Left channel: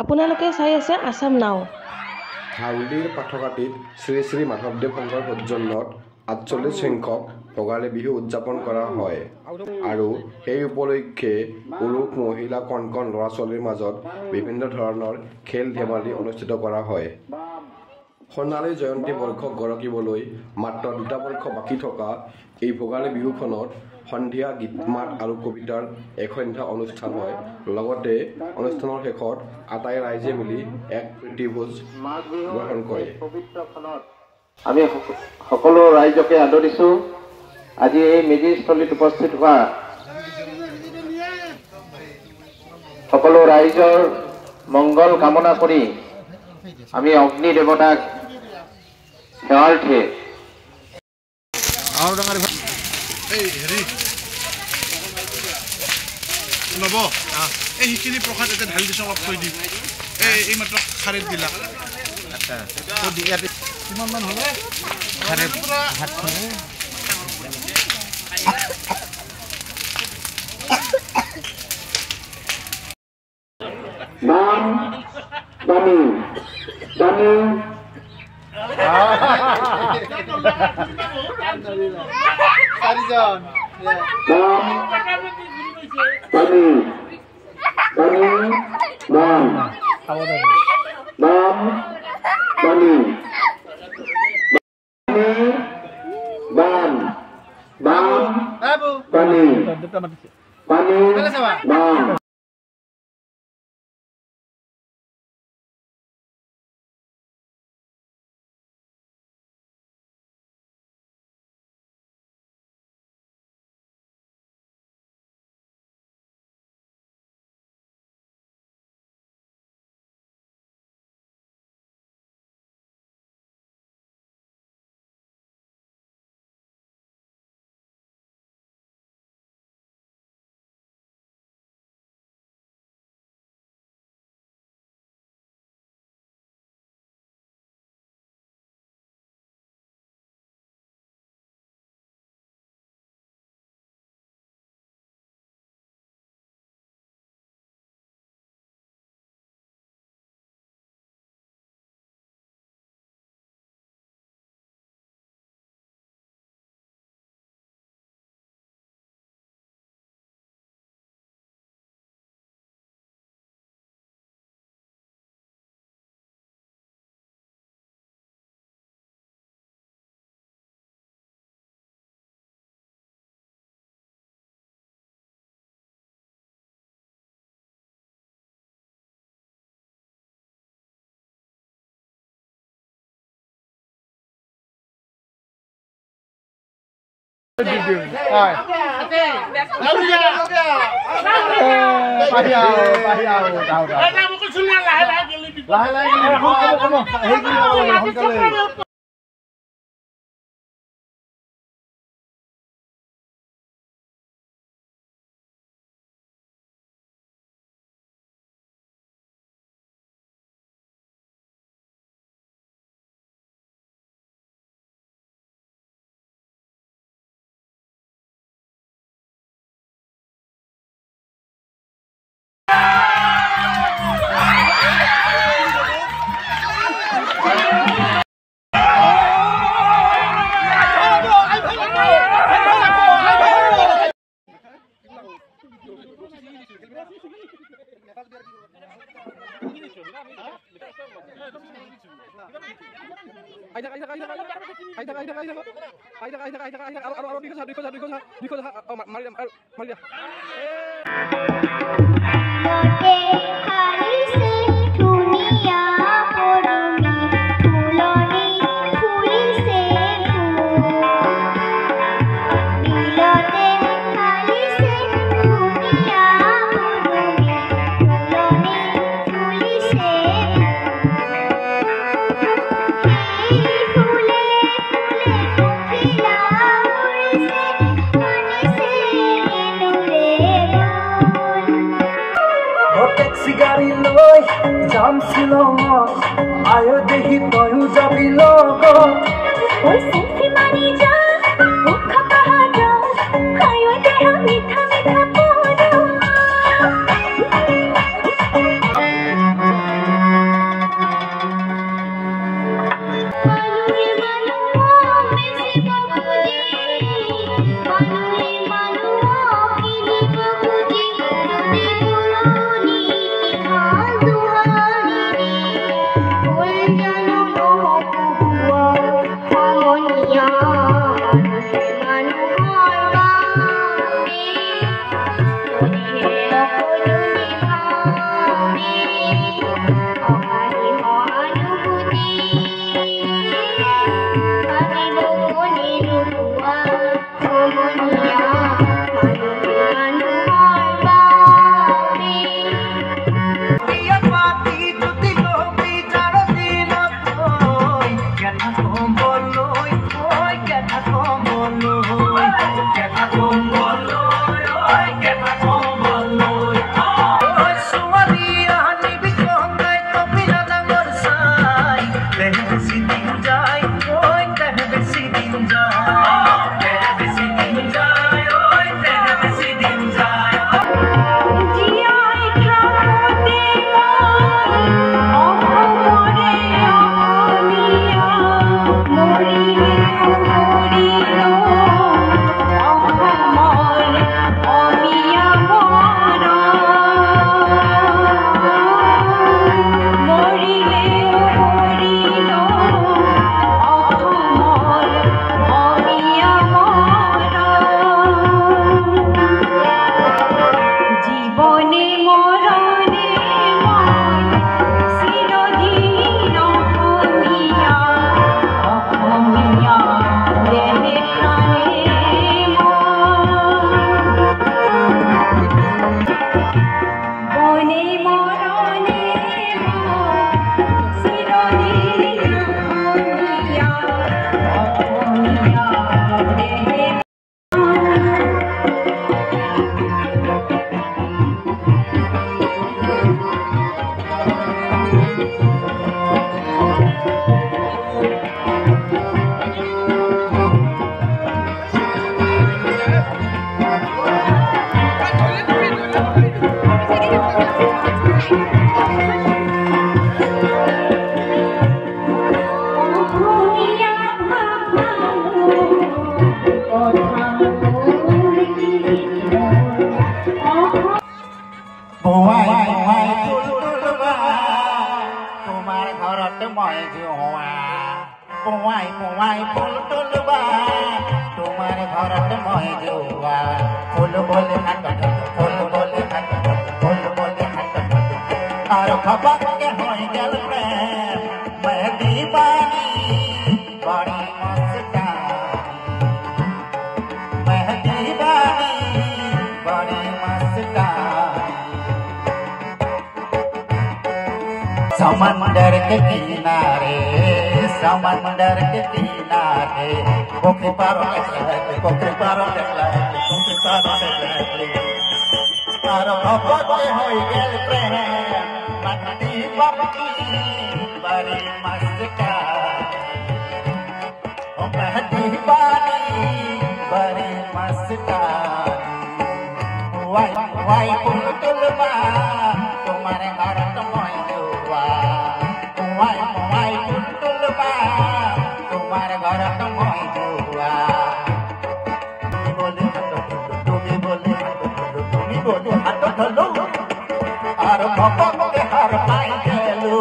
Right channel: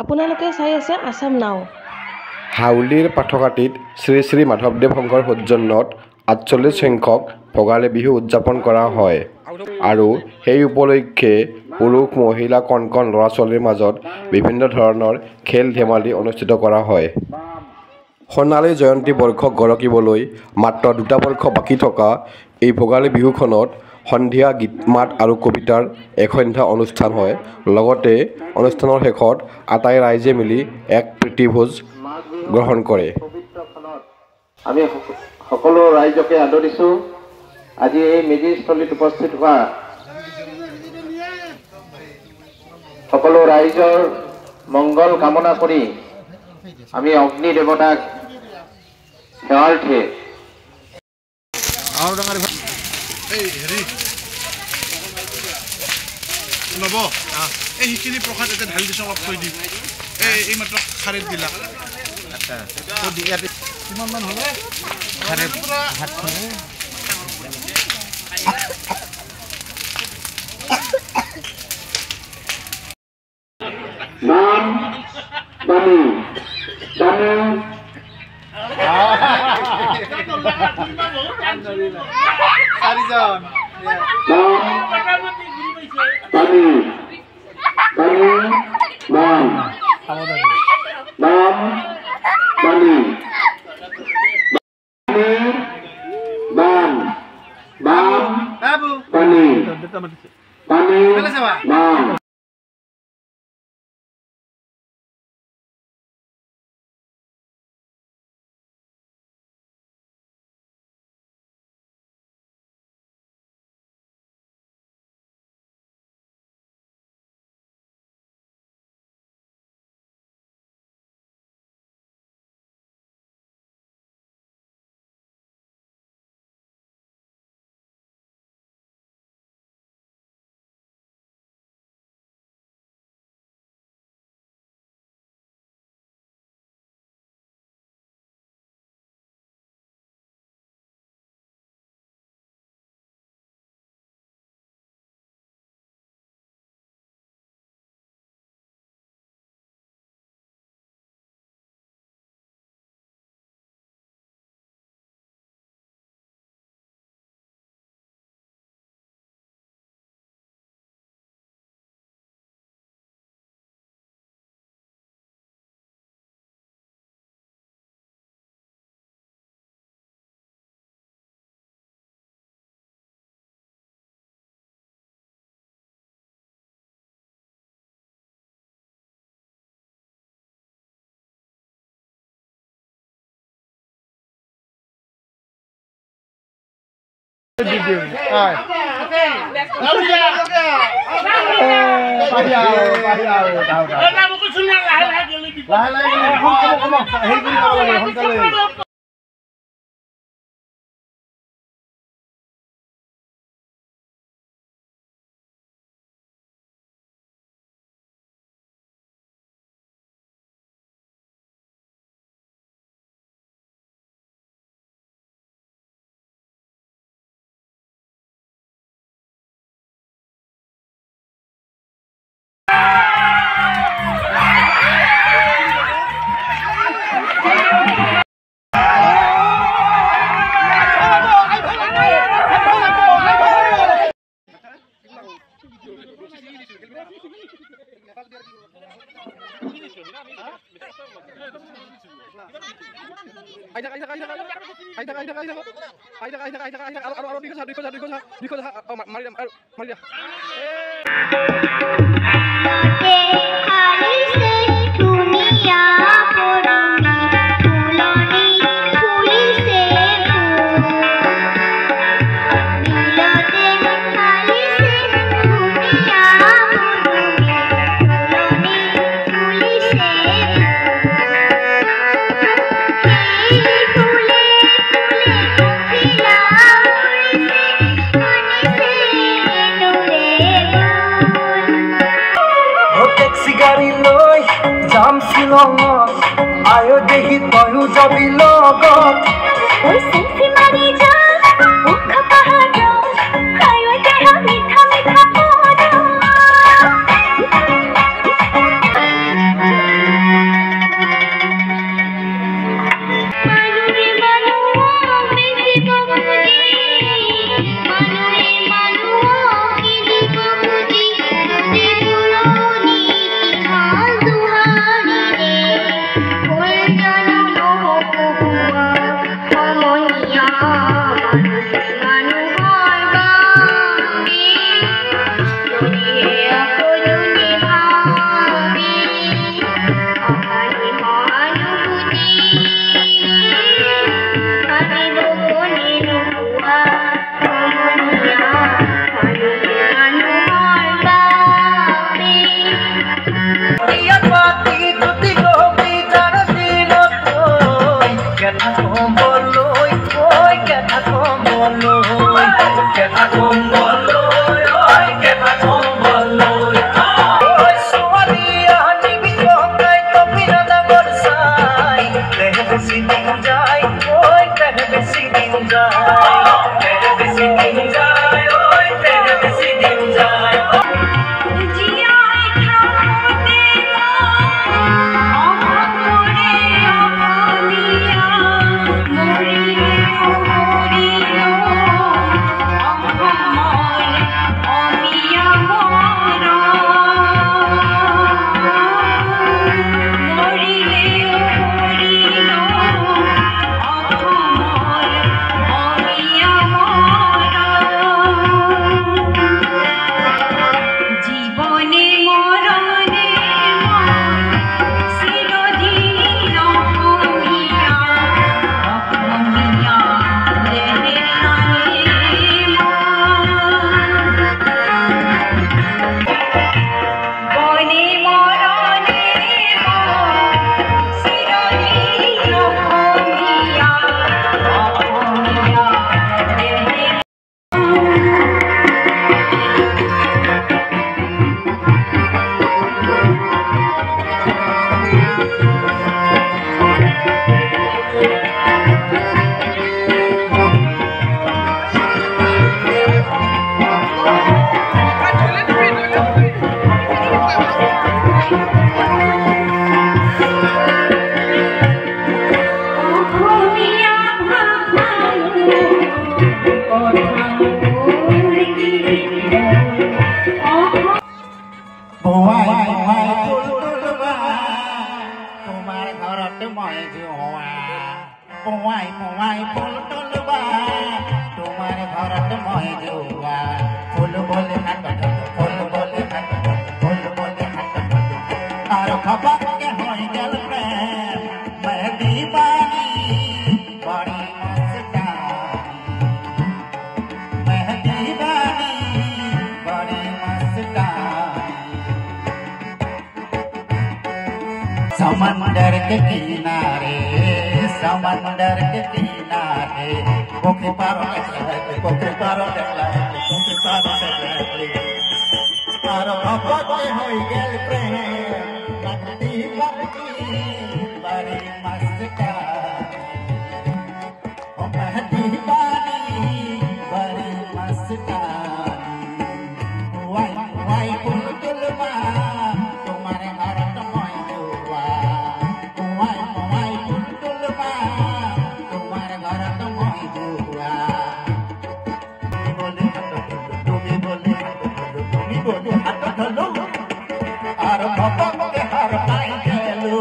আপোনালোকে চাই আছে আসাম নাও। হাউলিৰ পাঠকাটিত শ্ৰী শ্ৰী মাধৱদেৱ শংকৰ সৌজন্যত ৪৮ সংখ্যক ভোগালী বিহু উদযাপন কৰা হয় আৰু সেই উপলক্ষে পুৰুষ মহিলা কণ কণ ল'ৰা ছোৱালীৰ মাজত বিভিন্ন ধৰণৰ খেল ধেমালি অনুষ্ঠিত কৰা হয়। সোণালী জয়ন্তী বৰ্ষক গৰকিবলৈ মাত্ৰ ২টা বৰ্ষ বাকী থকা এই ভোগালী বিহুখনত সন্ধিয়া গীত মাত আৰু কবিতাৰ এসন্ধ্যা অনুষ্ঠান হয়। লগতে অনুষ্ঠানৰ শেষত আটাই ৰাইজে মিলি এক প্ৰীতিভোজ গ্ৰহণ কৰে। আমি সকলো ৰাইজকে আদৰিছোঁ। আজি এই মেজিস্থলীত উপস্থিত হোৱা সকলো ৰাইজৰ মংগল কামনা কৰি আমি অগ্নি দেৱতাক সেৱাৰ্থে নব এই সেইখিনি প্ৰসাদ এতিয়া ঢালি দিছোঁ, অলপ থৈ দিম। এই মাত্ৰ খাৰেত দিলা। আচ্ছা কিমানমান হ'ব? খাৰেত ভাত খালে নাম বাণী বাণী চাৰিজন বাণী বাণী নাম নাম বাণী বাণ বাণ বাণী বাণী নাম समंदर के किनारे पोखरी पारो आरो अपते होई गेल प्रेम मट्टी पपकी बड़ी मस्ता ओ महती बानी बड़ी मस्ता वाई पुलबा तुम्हारे घर तो मोय दुआ वाई पुलबा तुम्हारे घर तो मोय दुआ তুমি बोले हाथ धलो और भक्त के हर पाई गेलू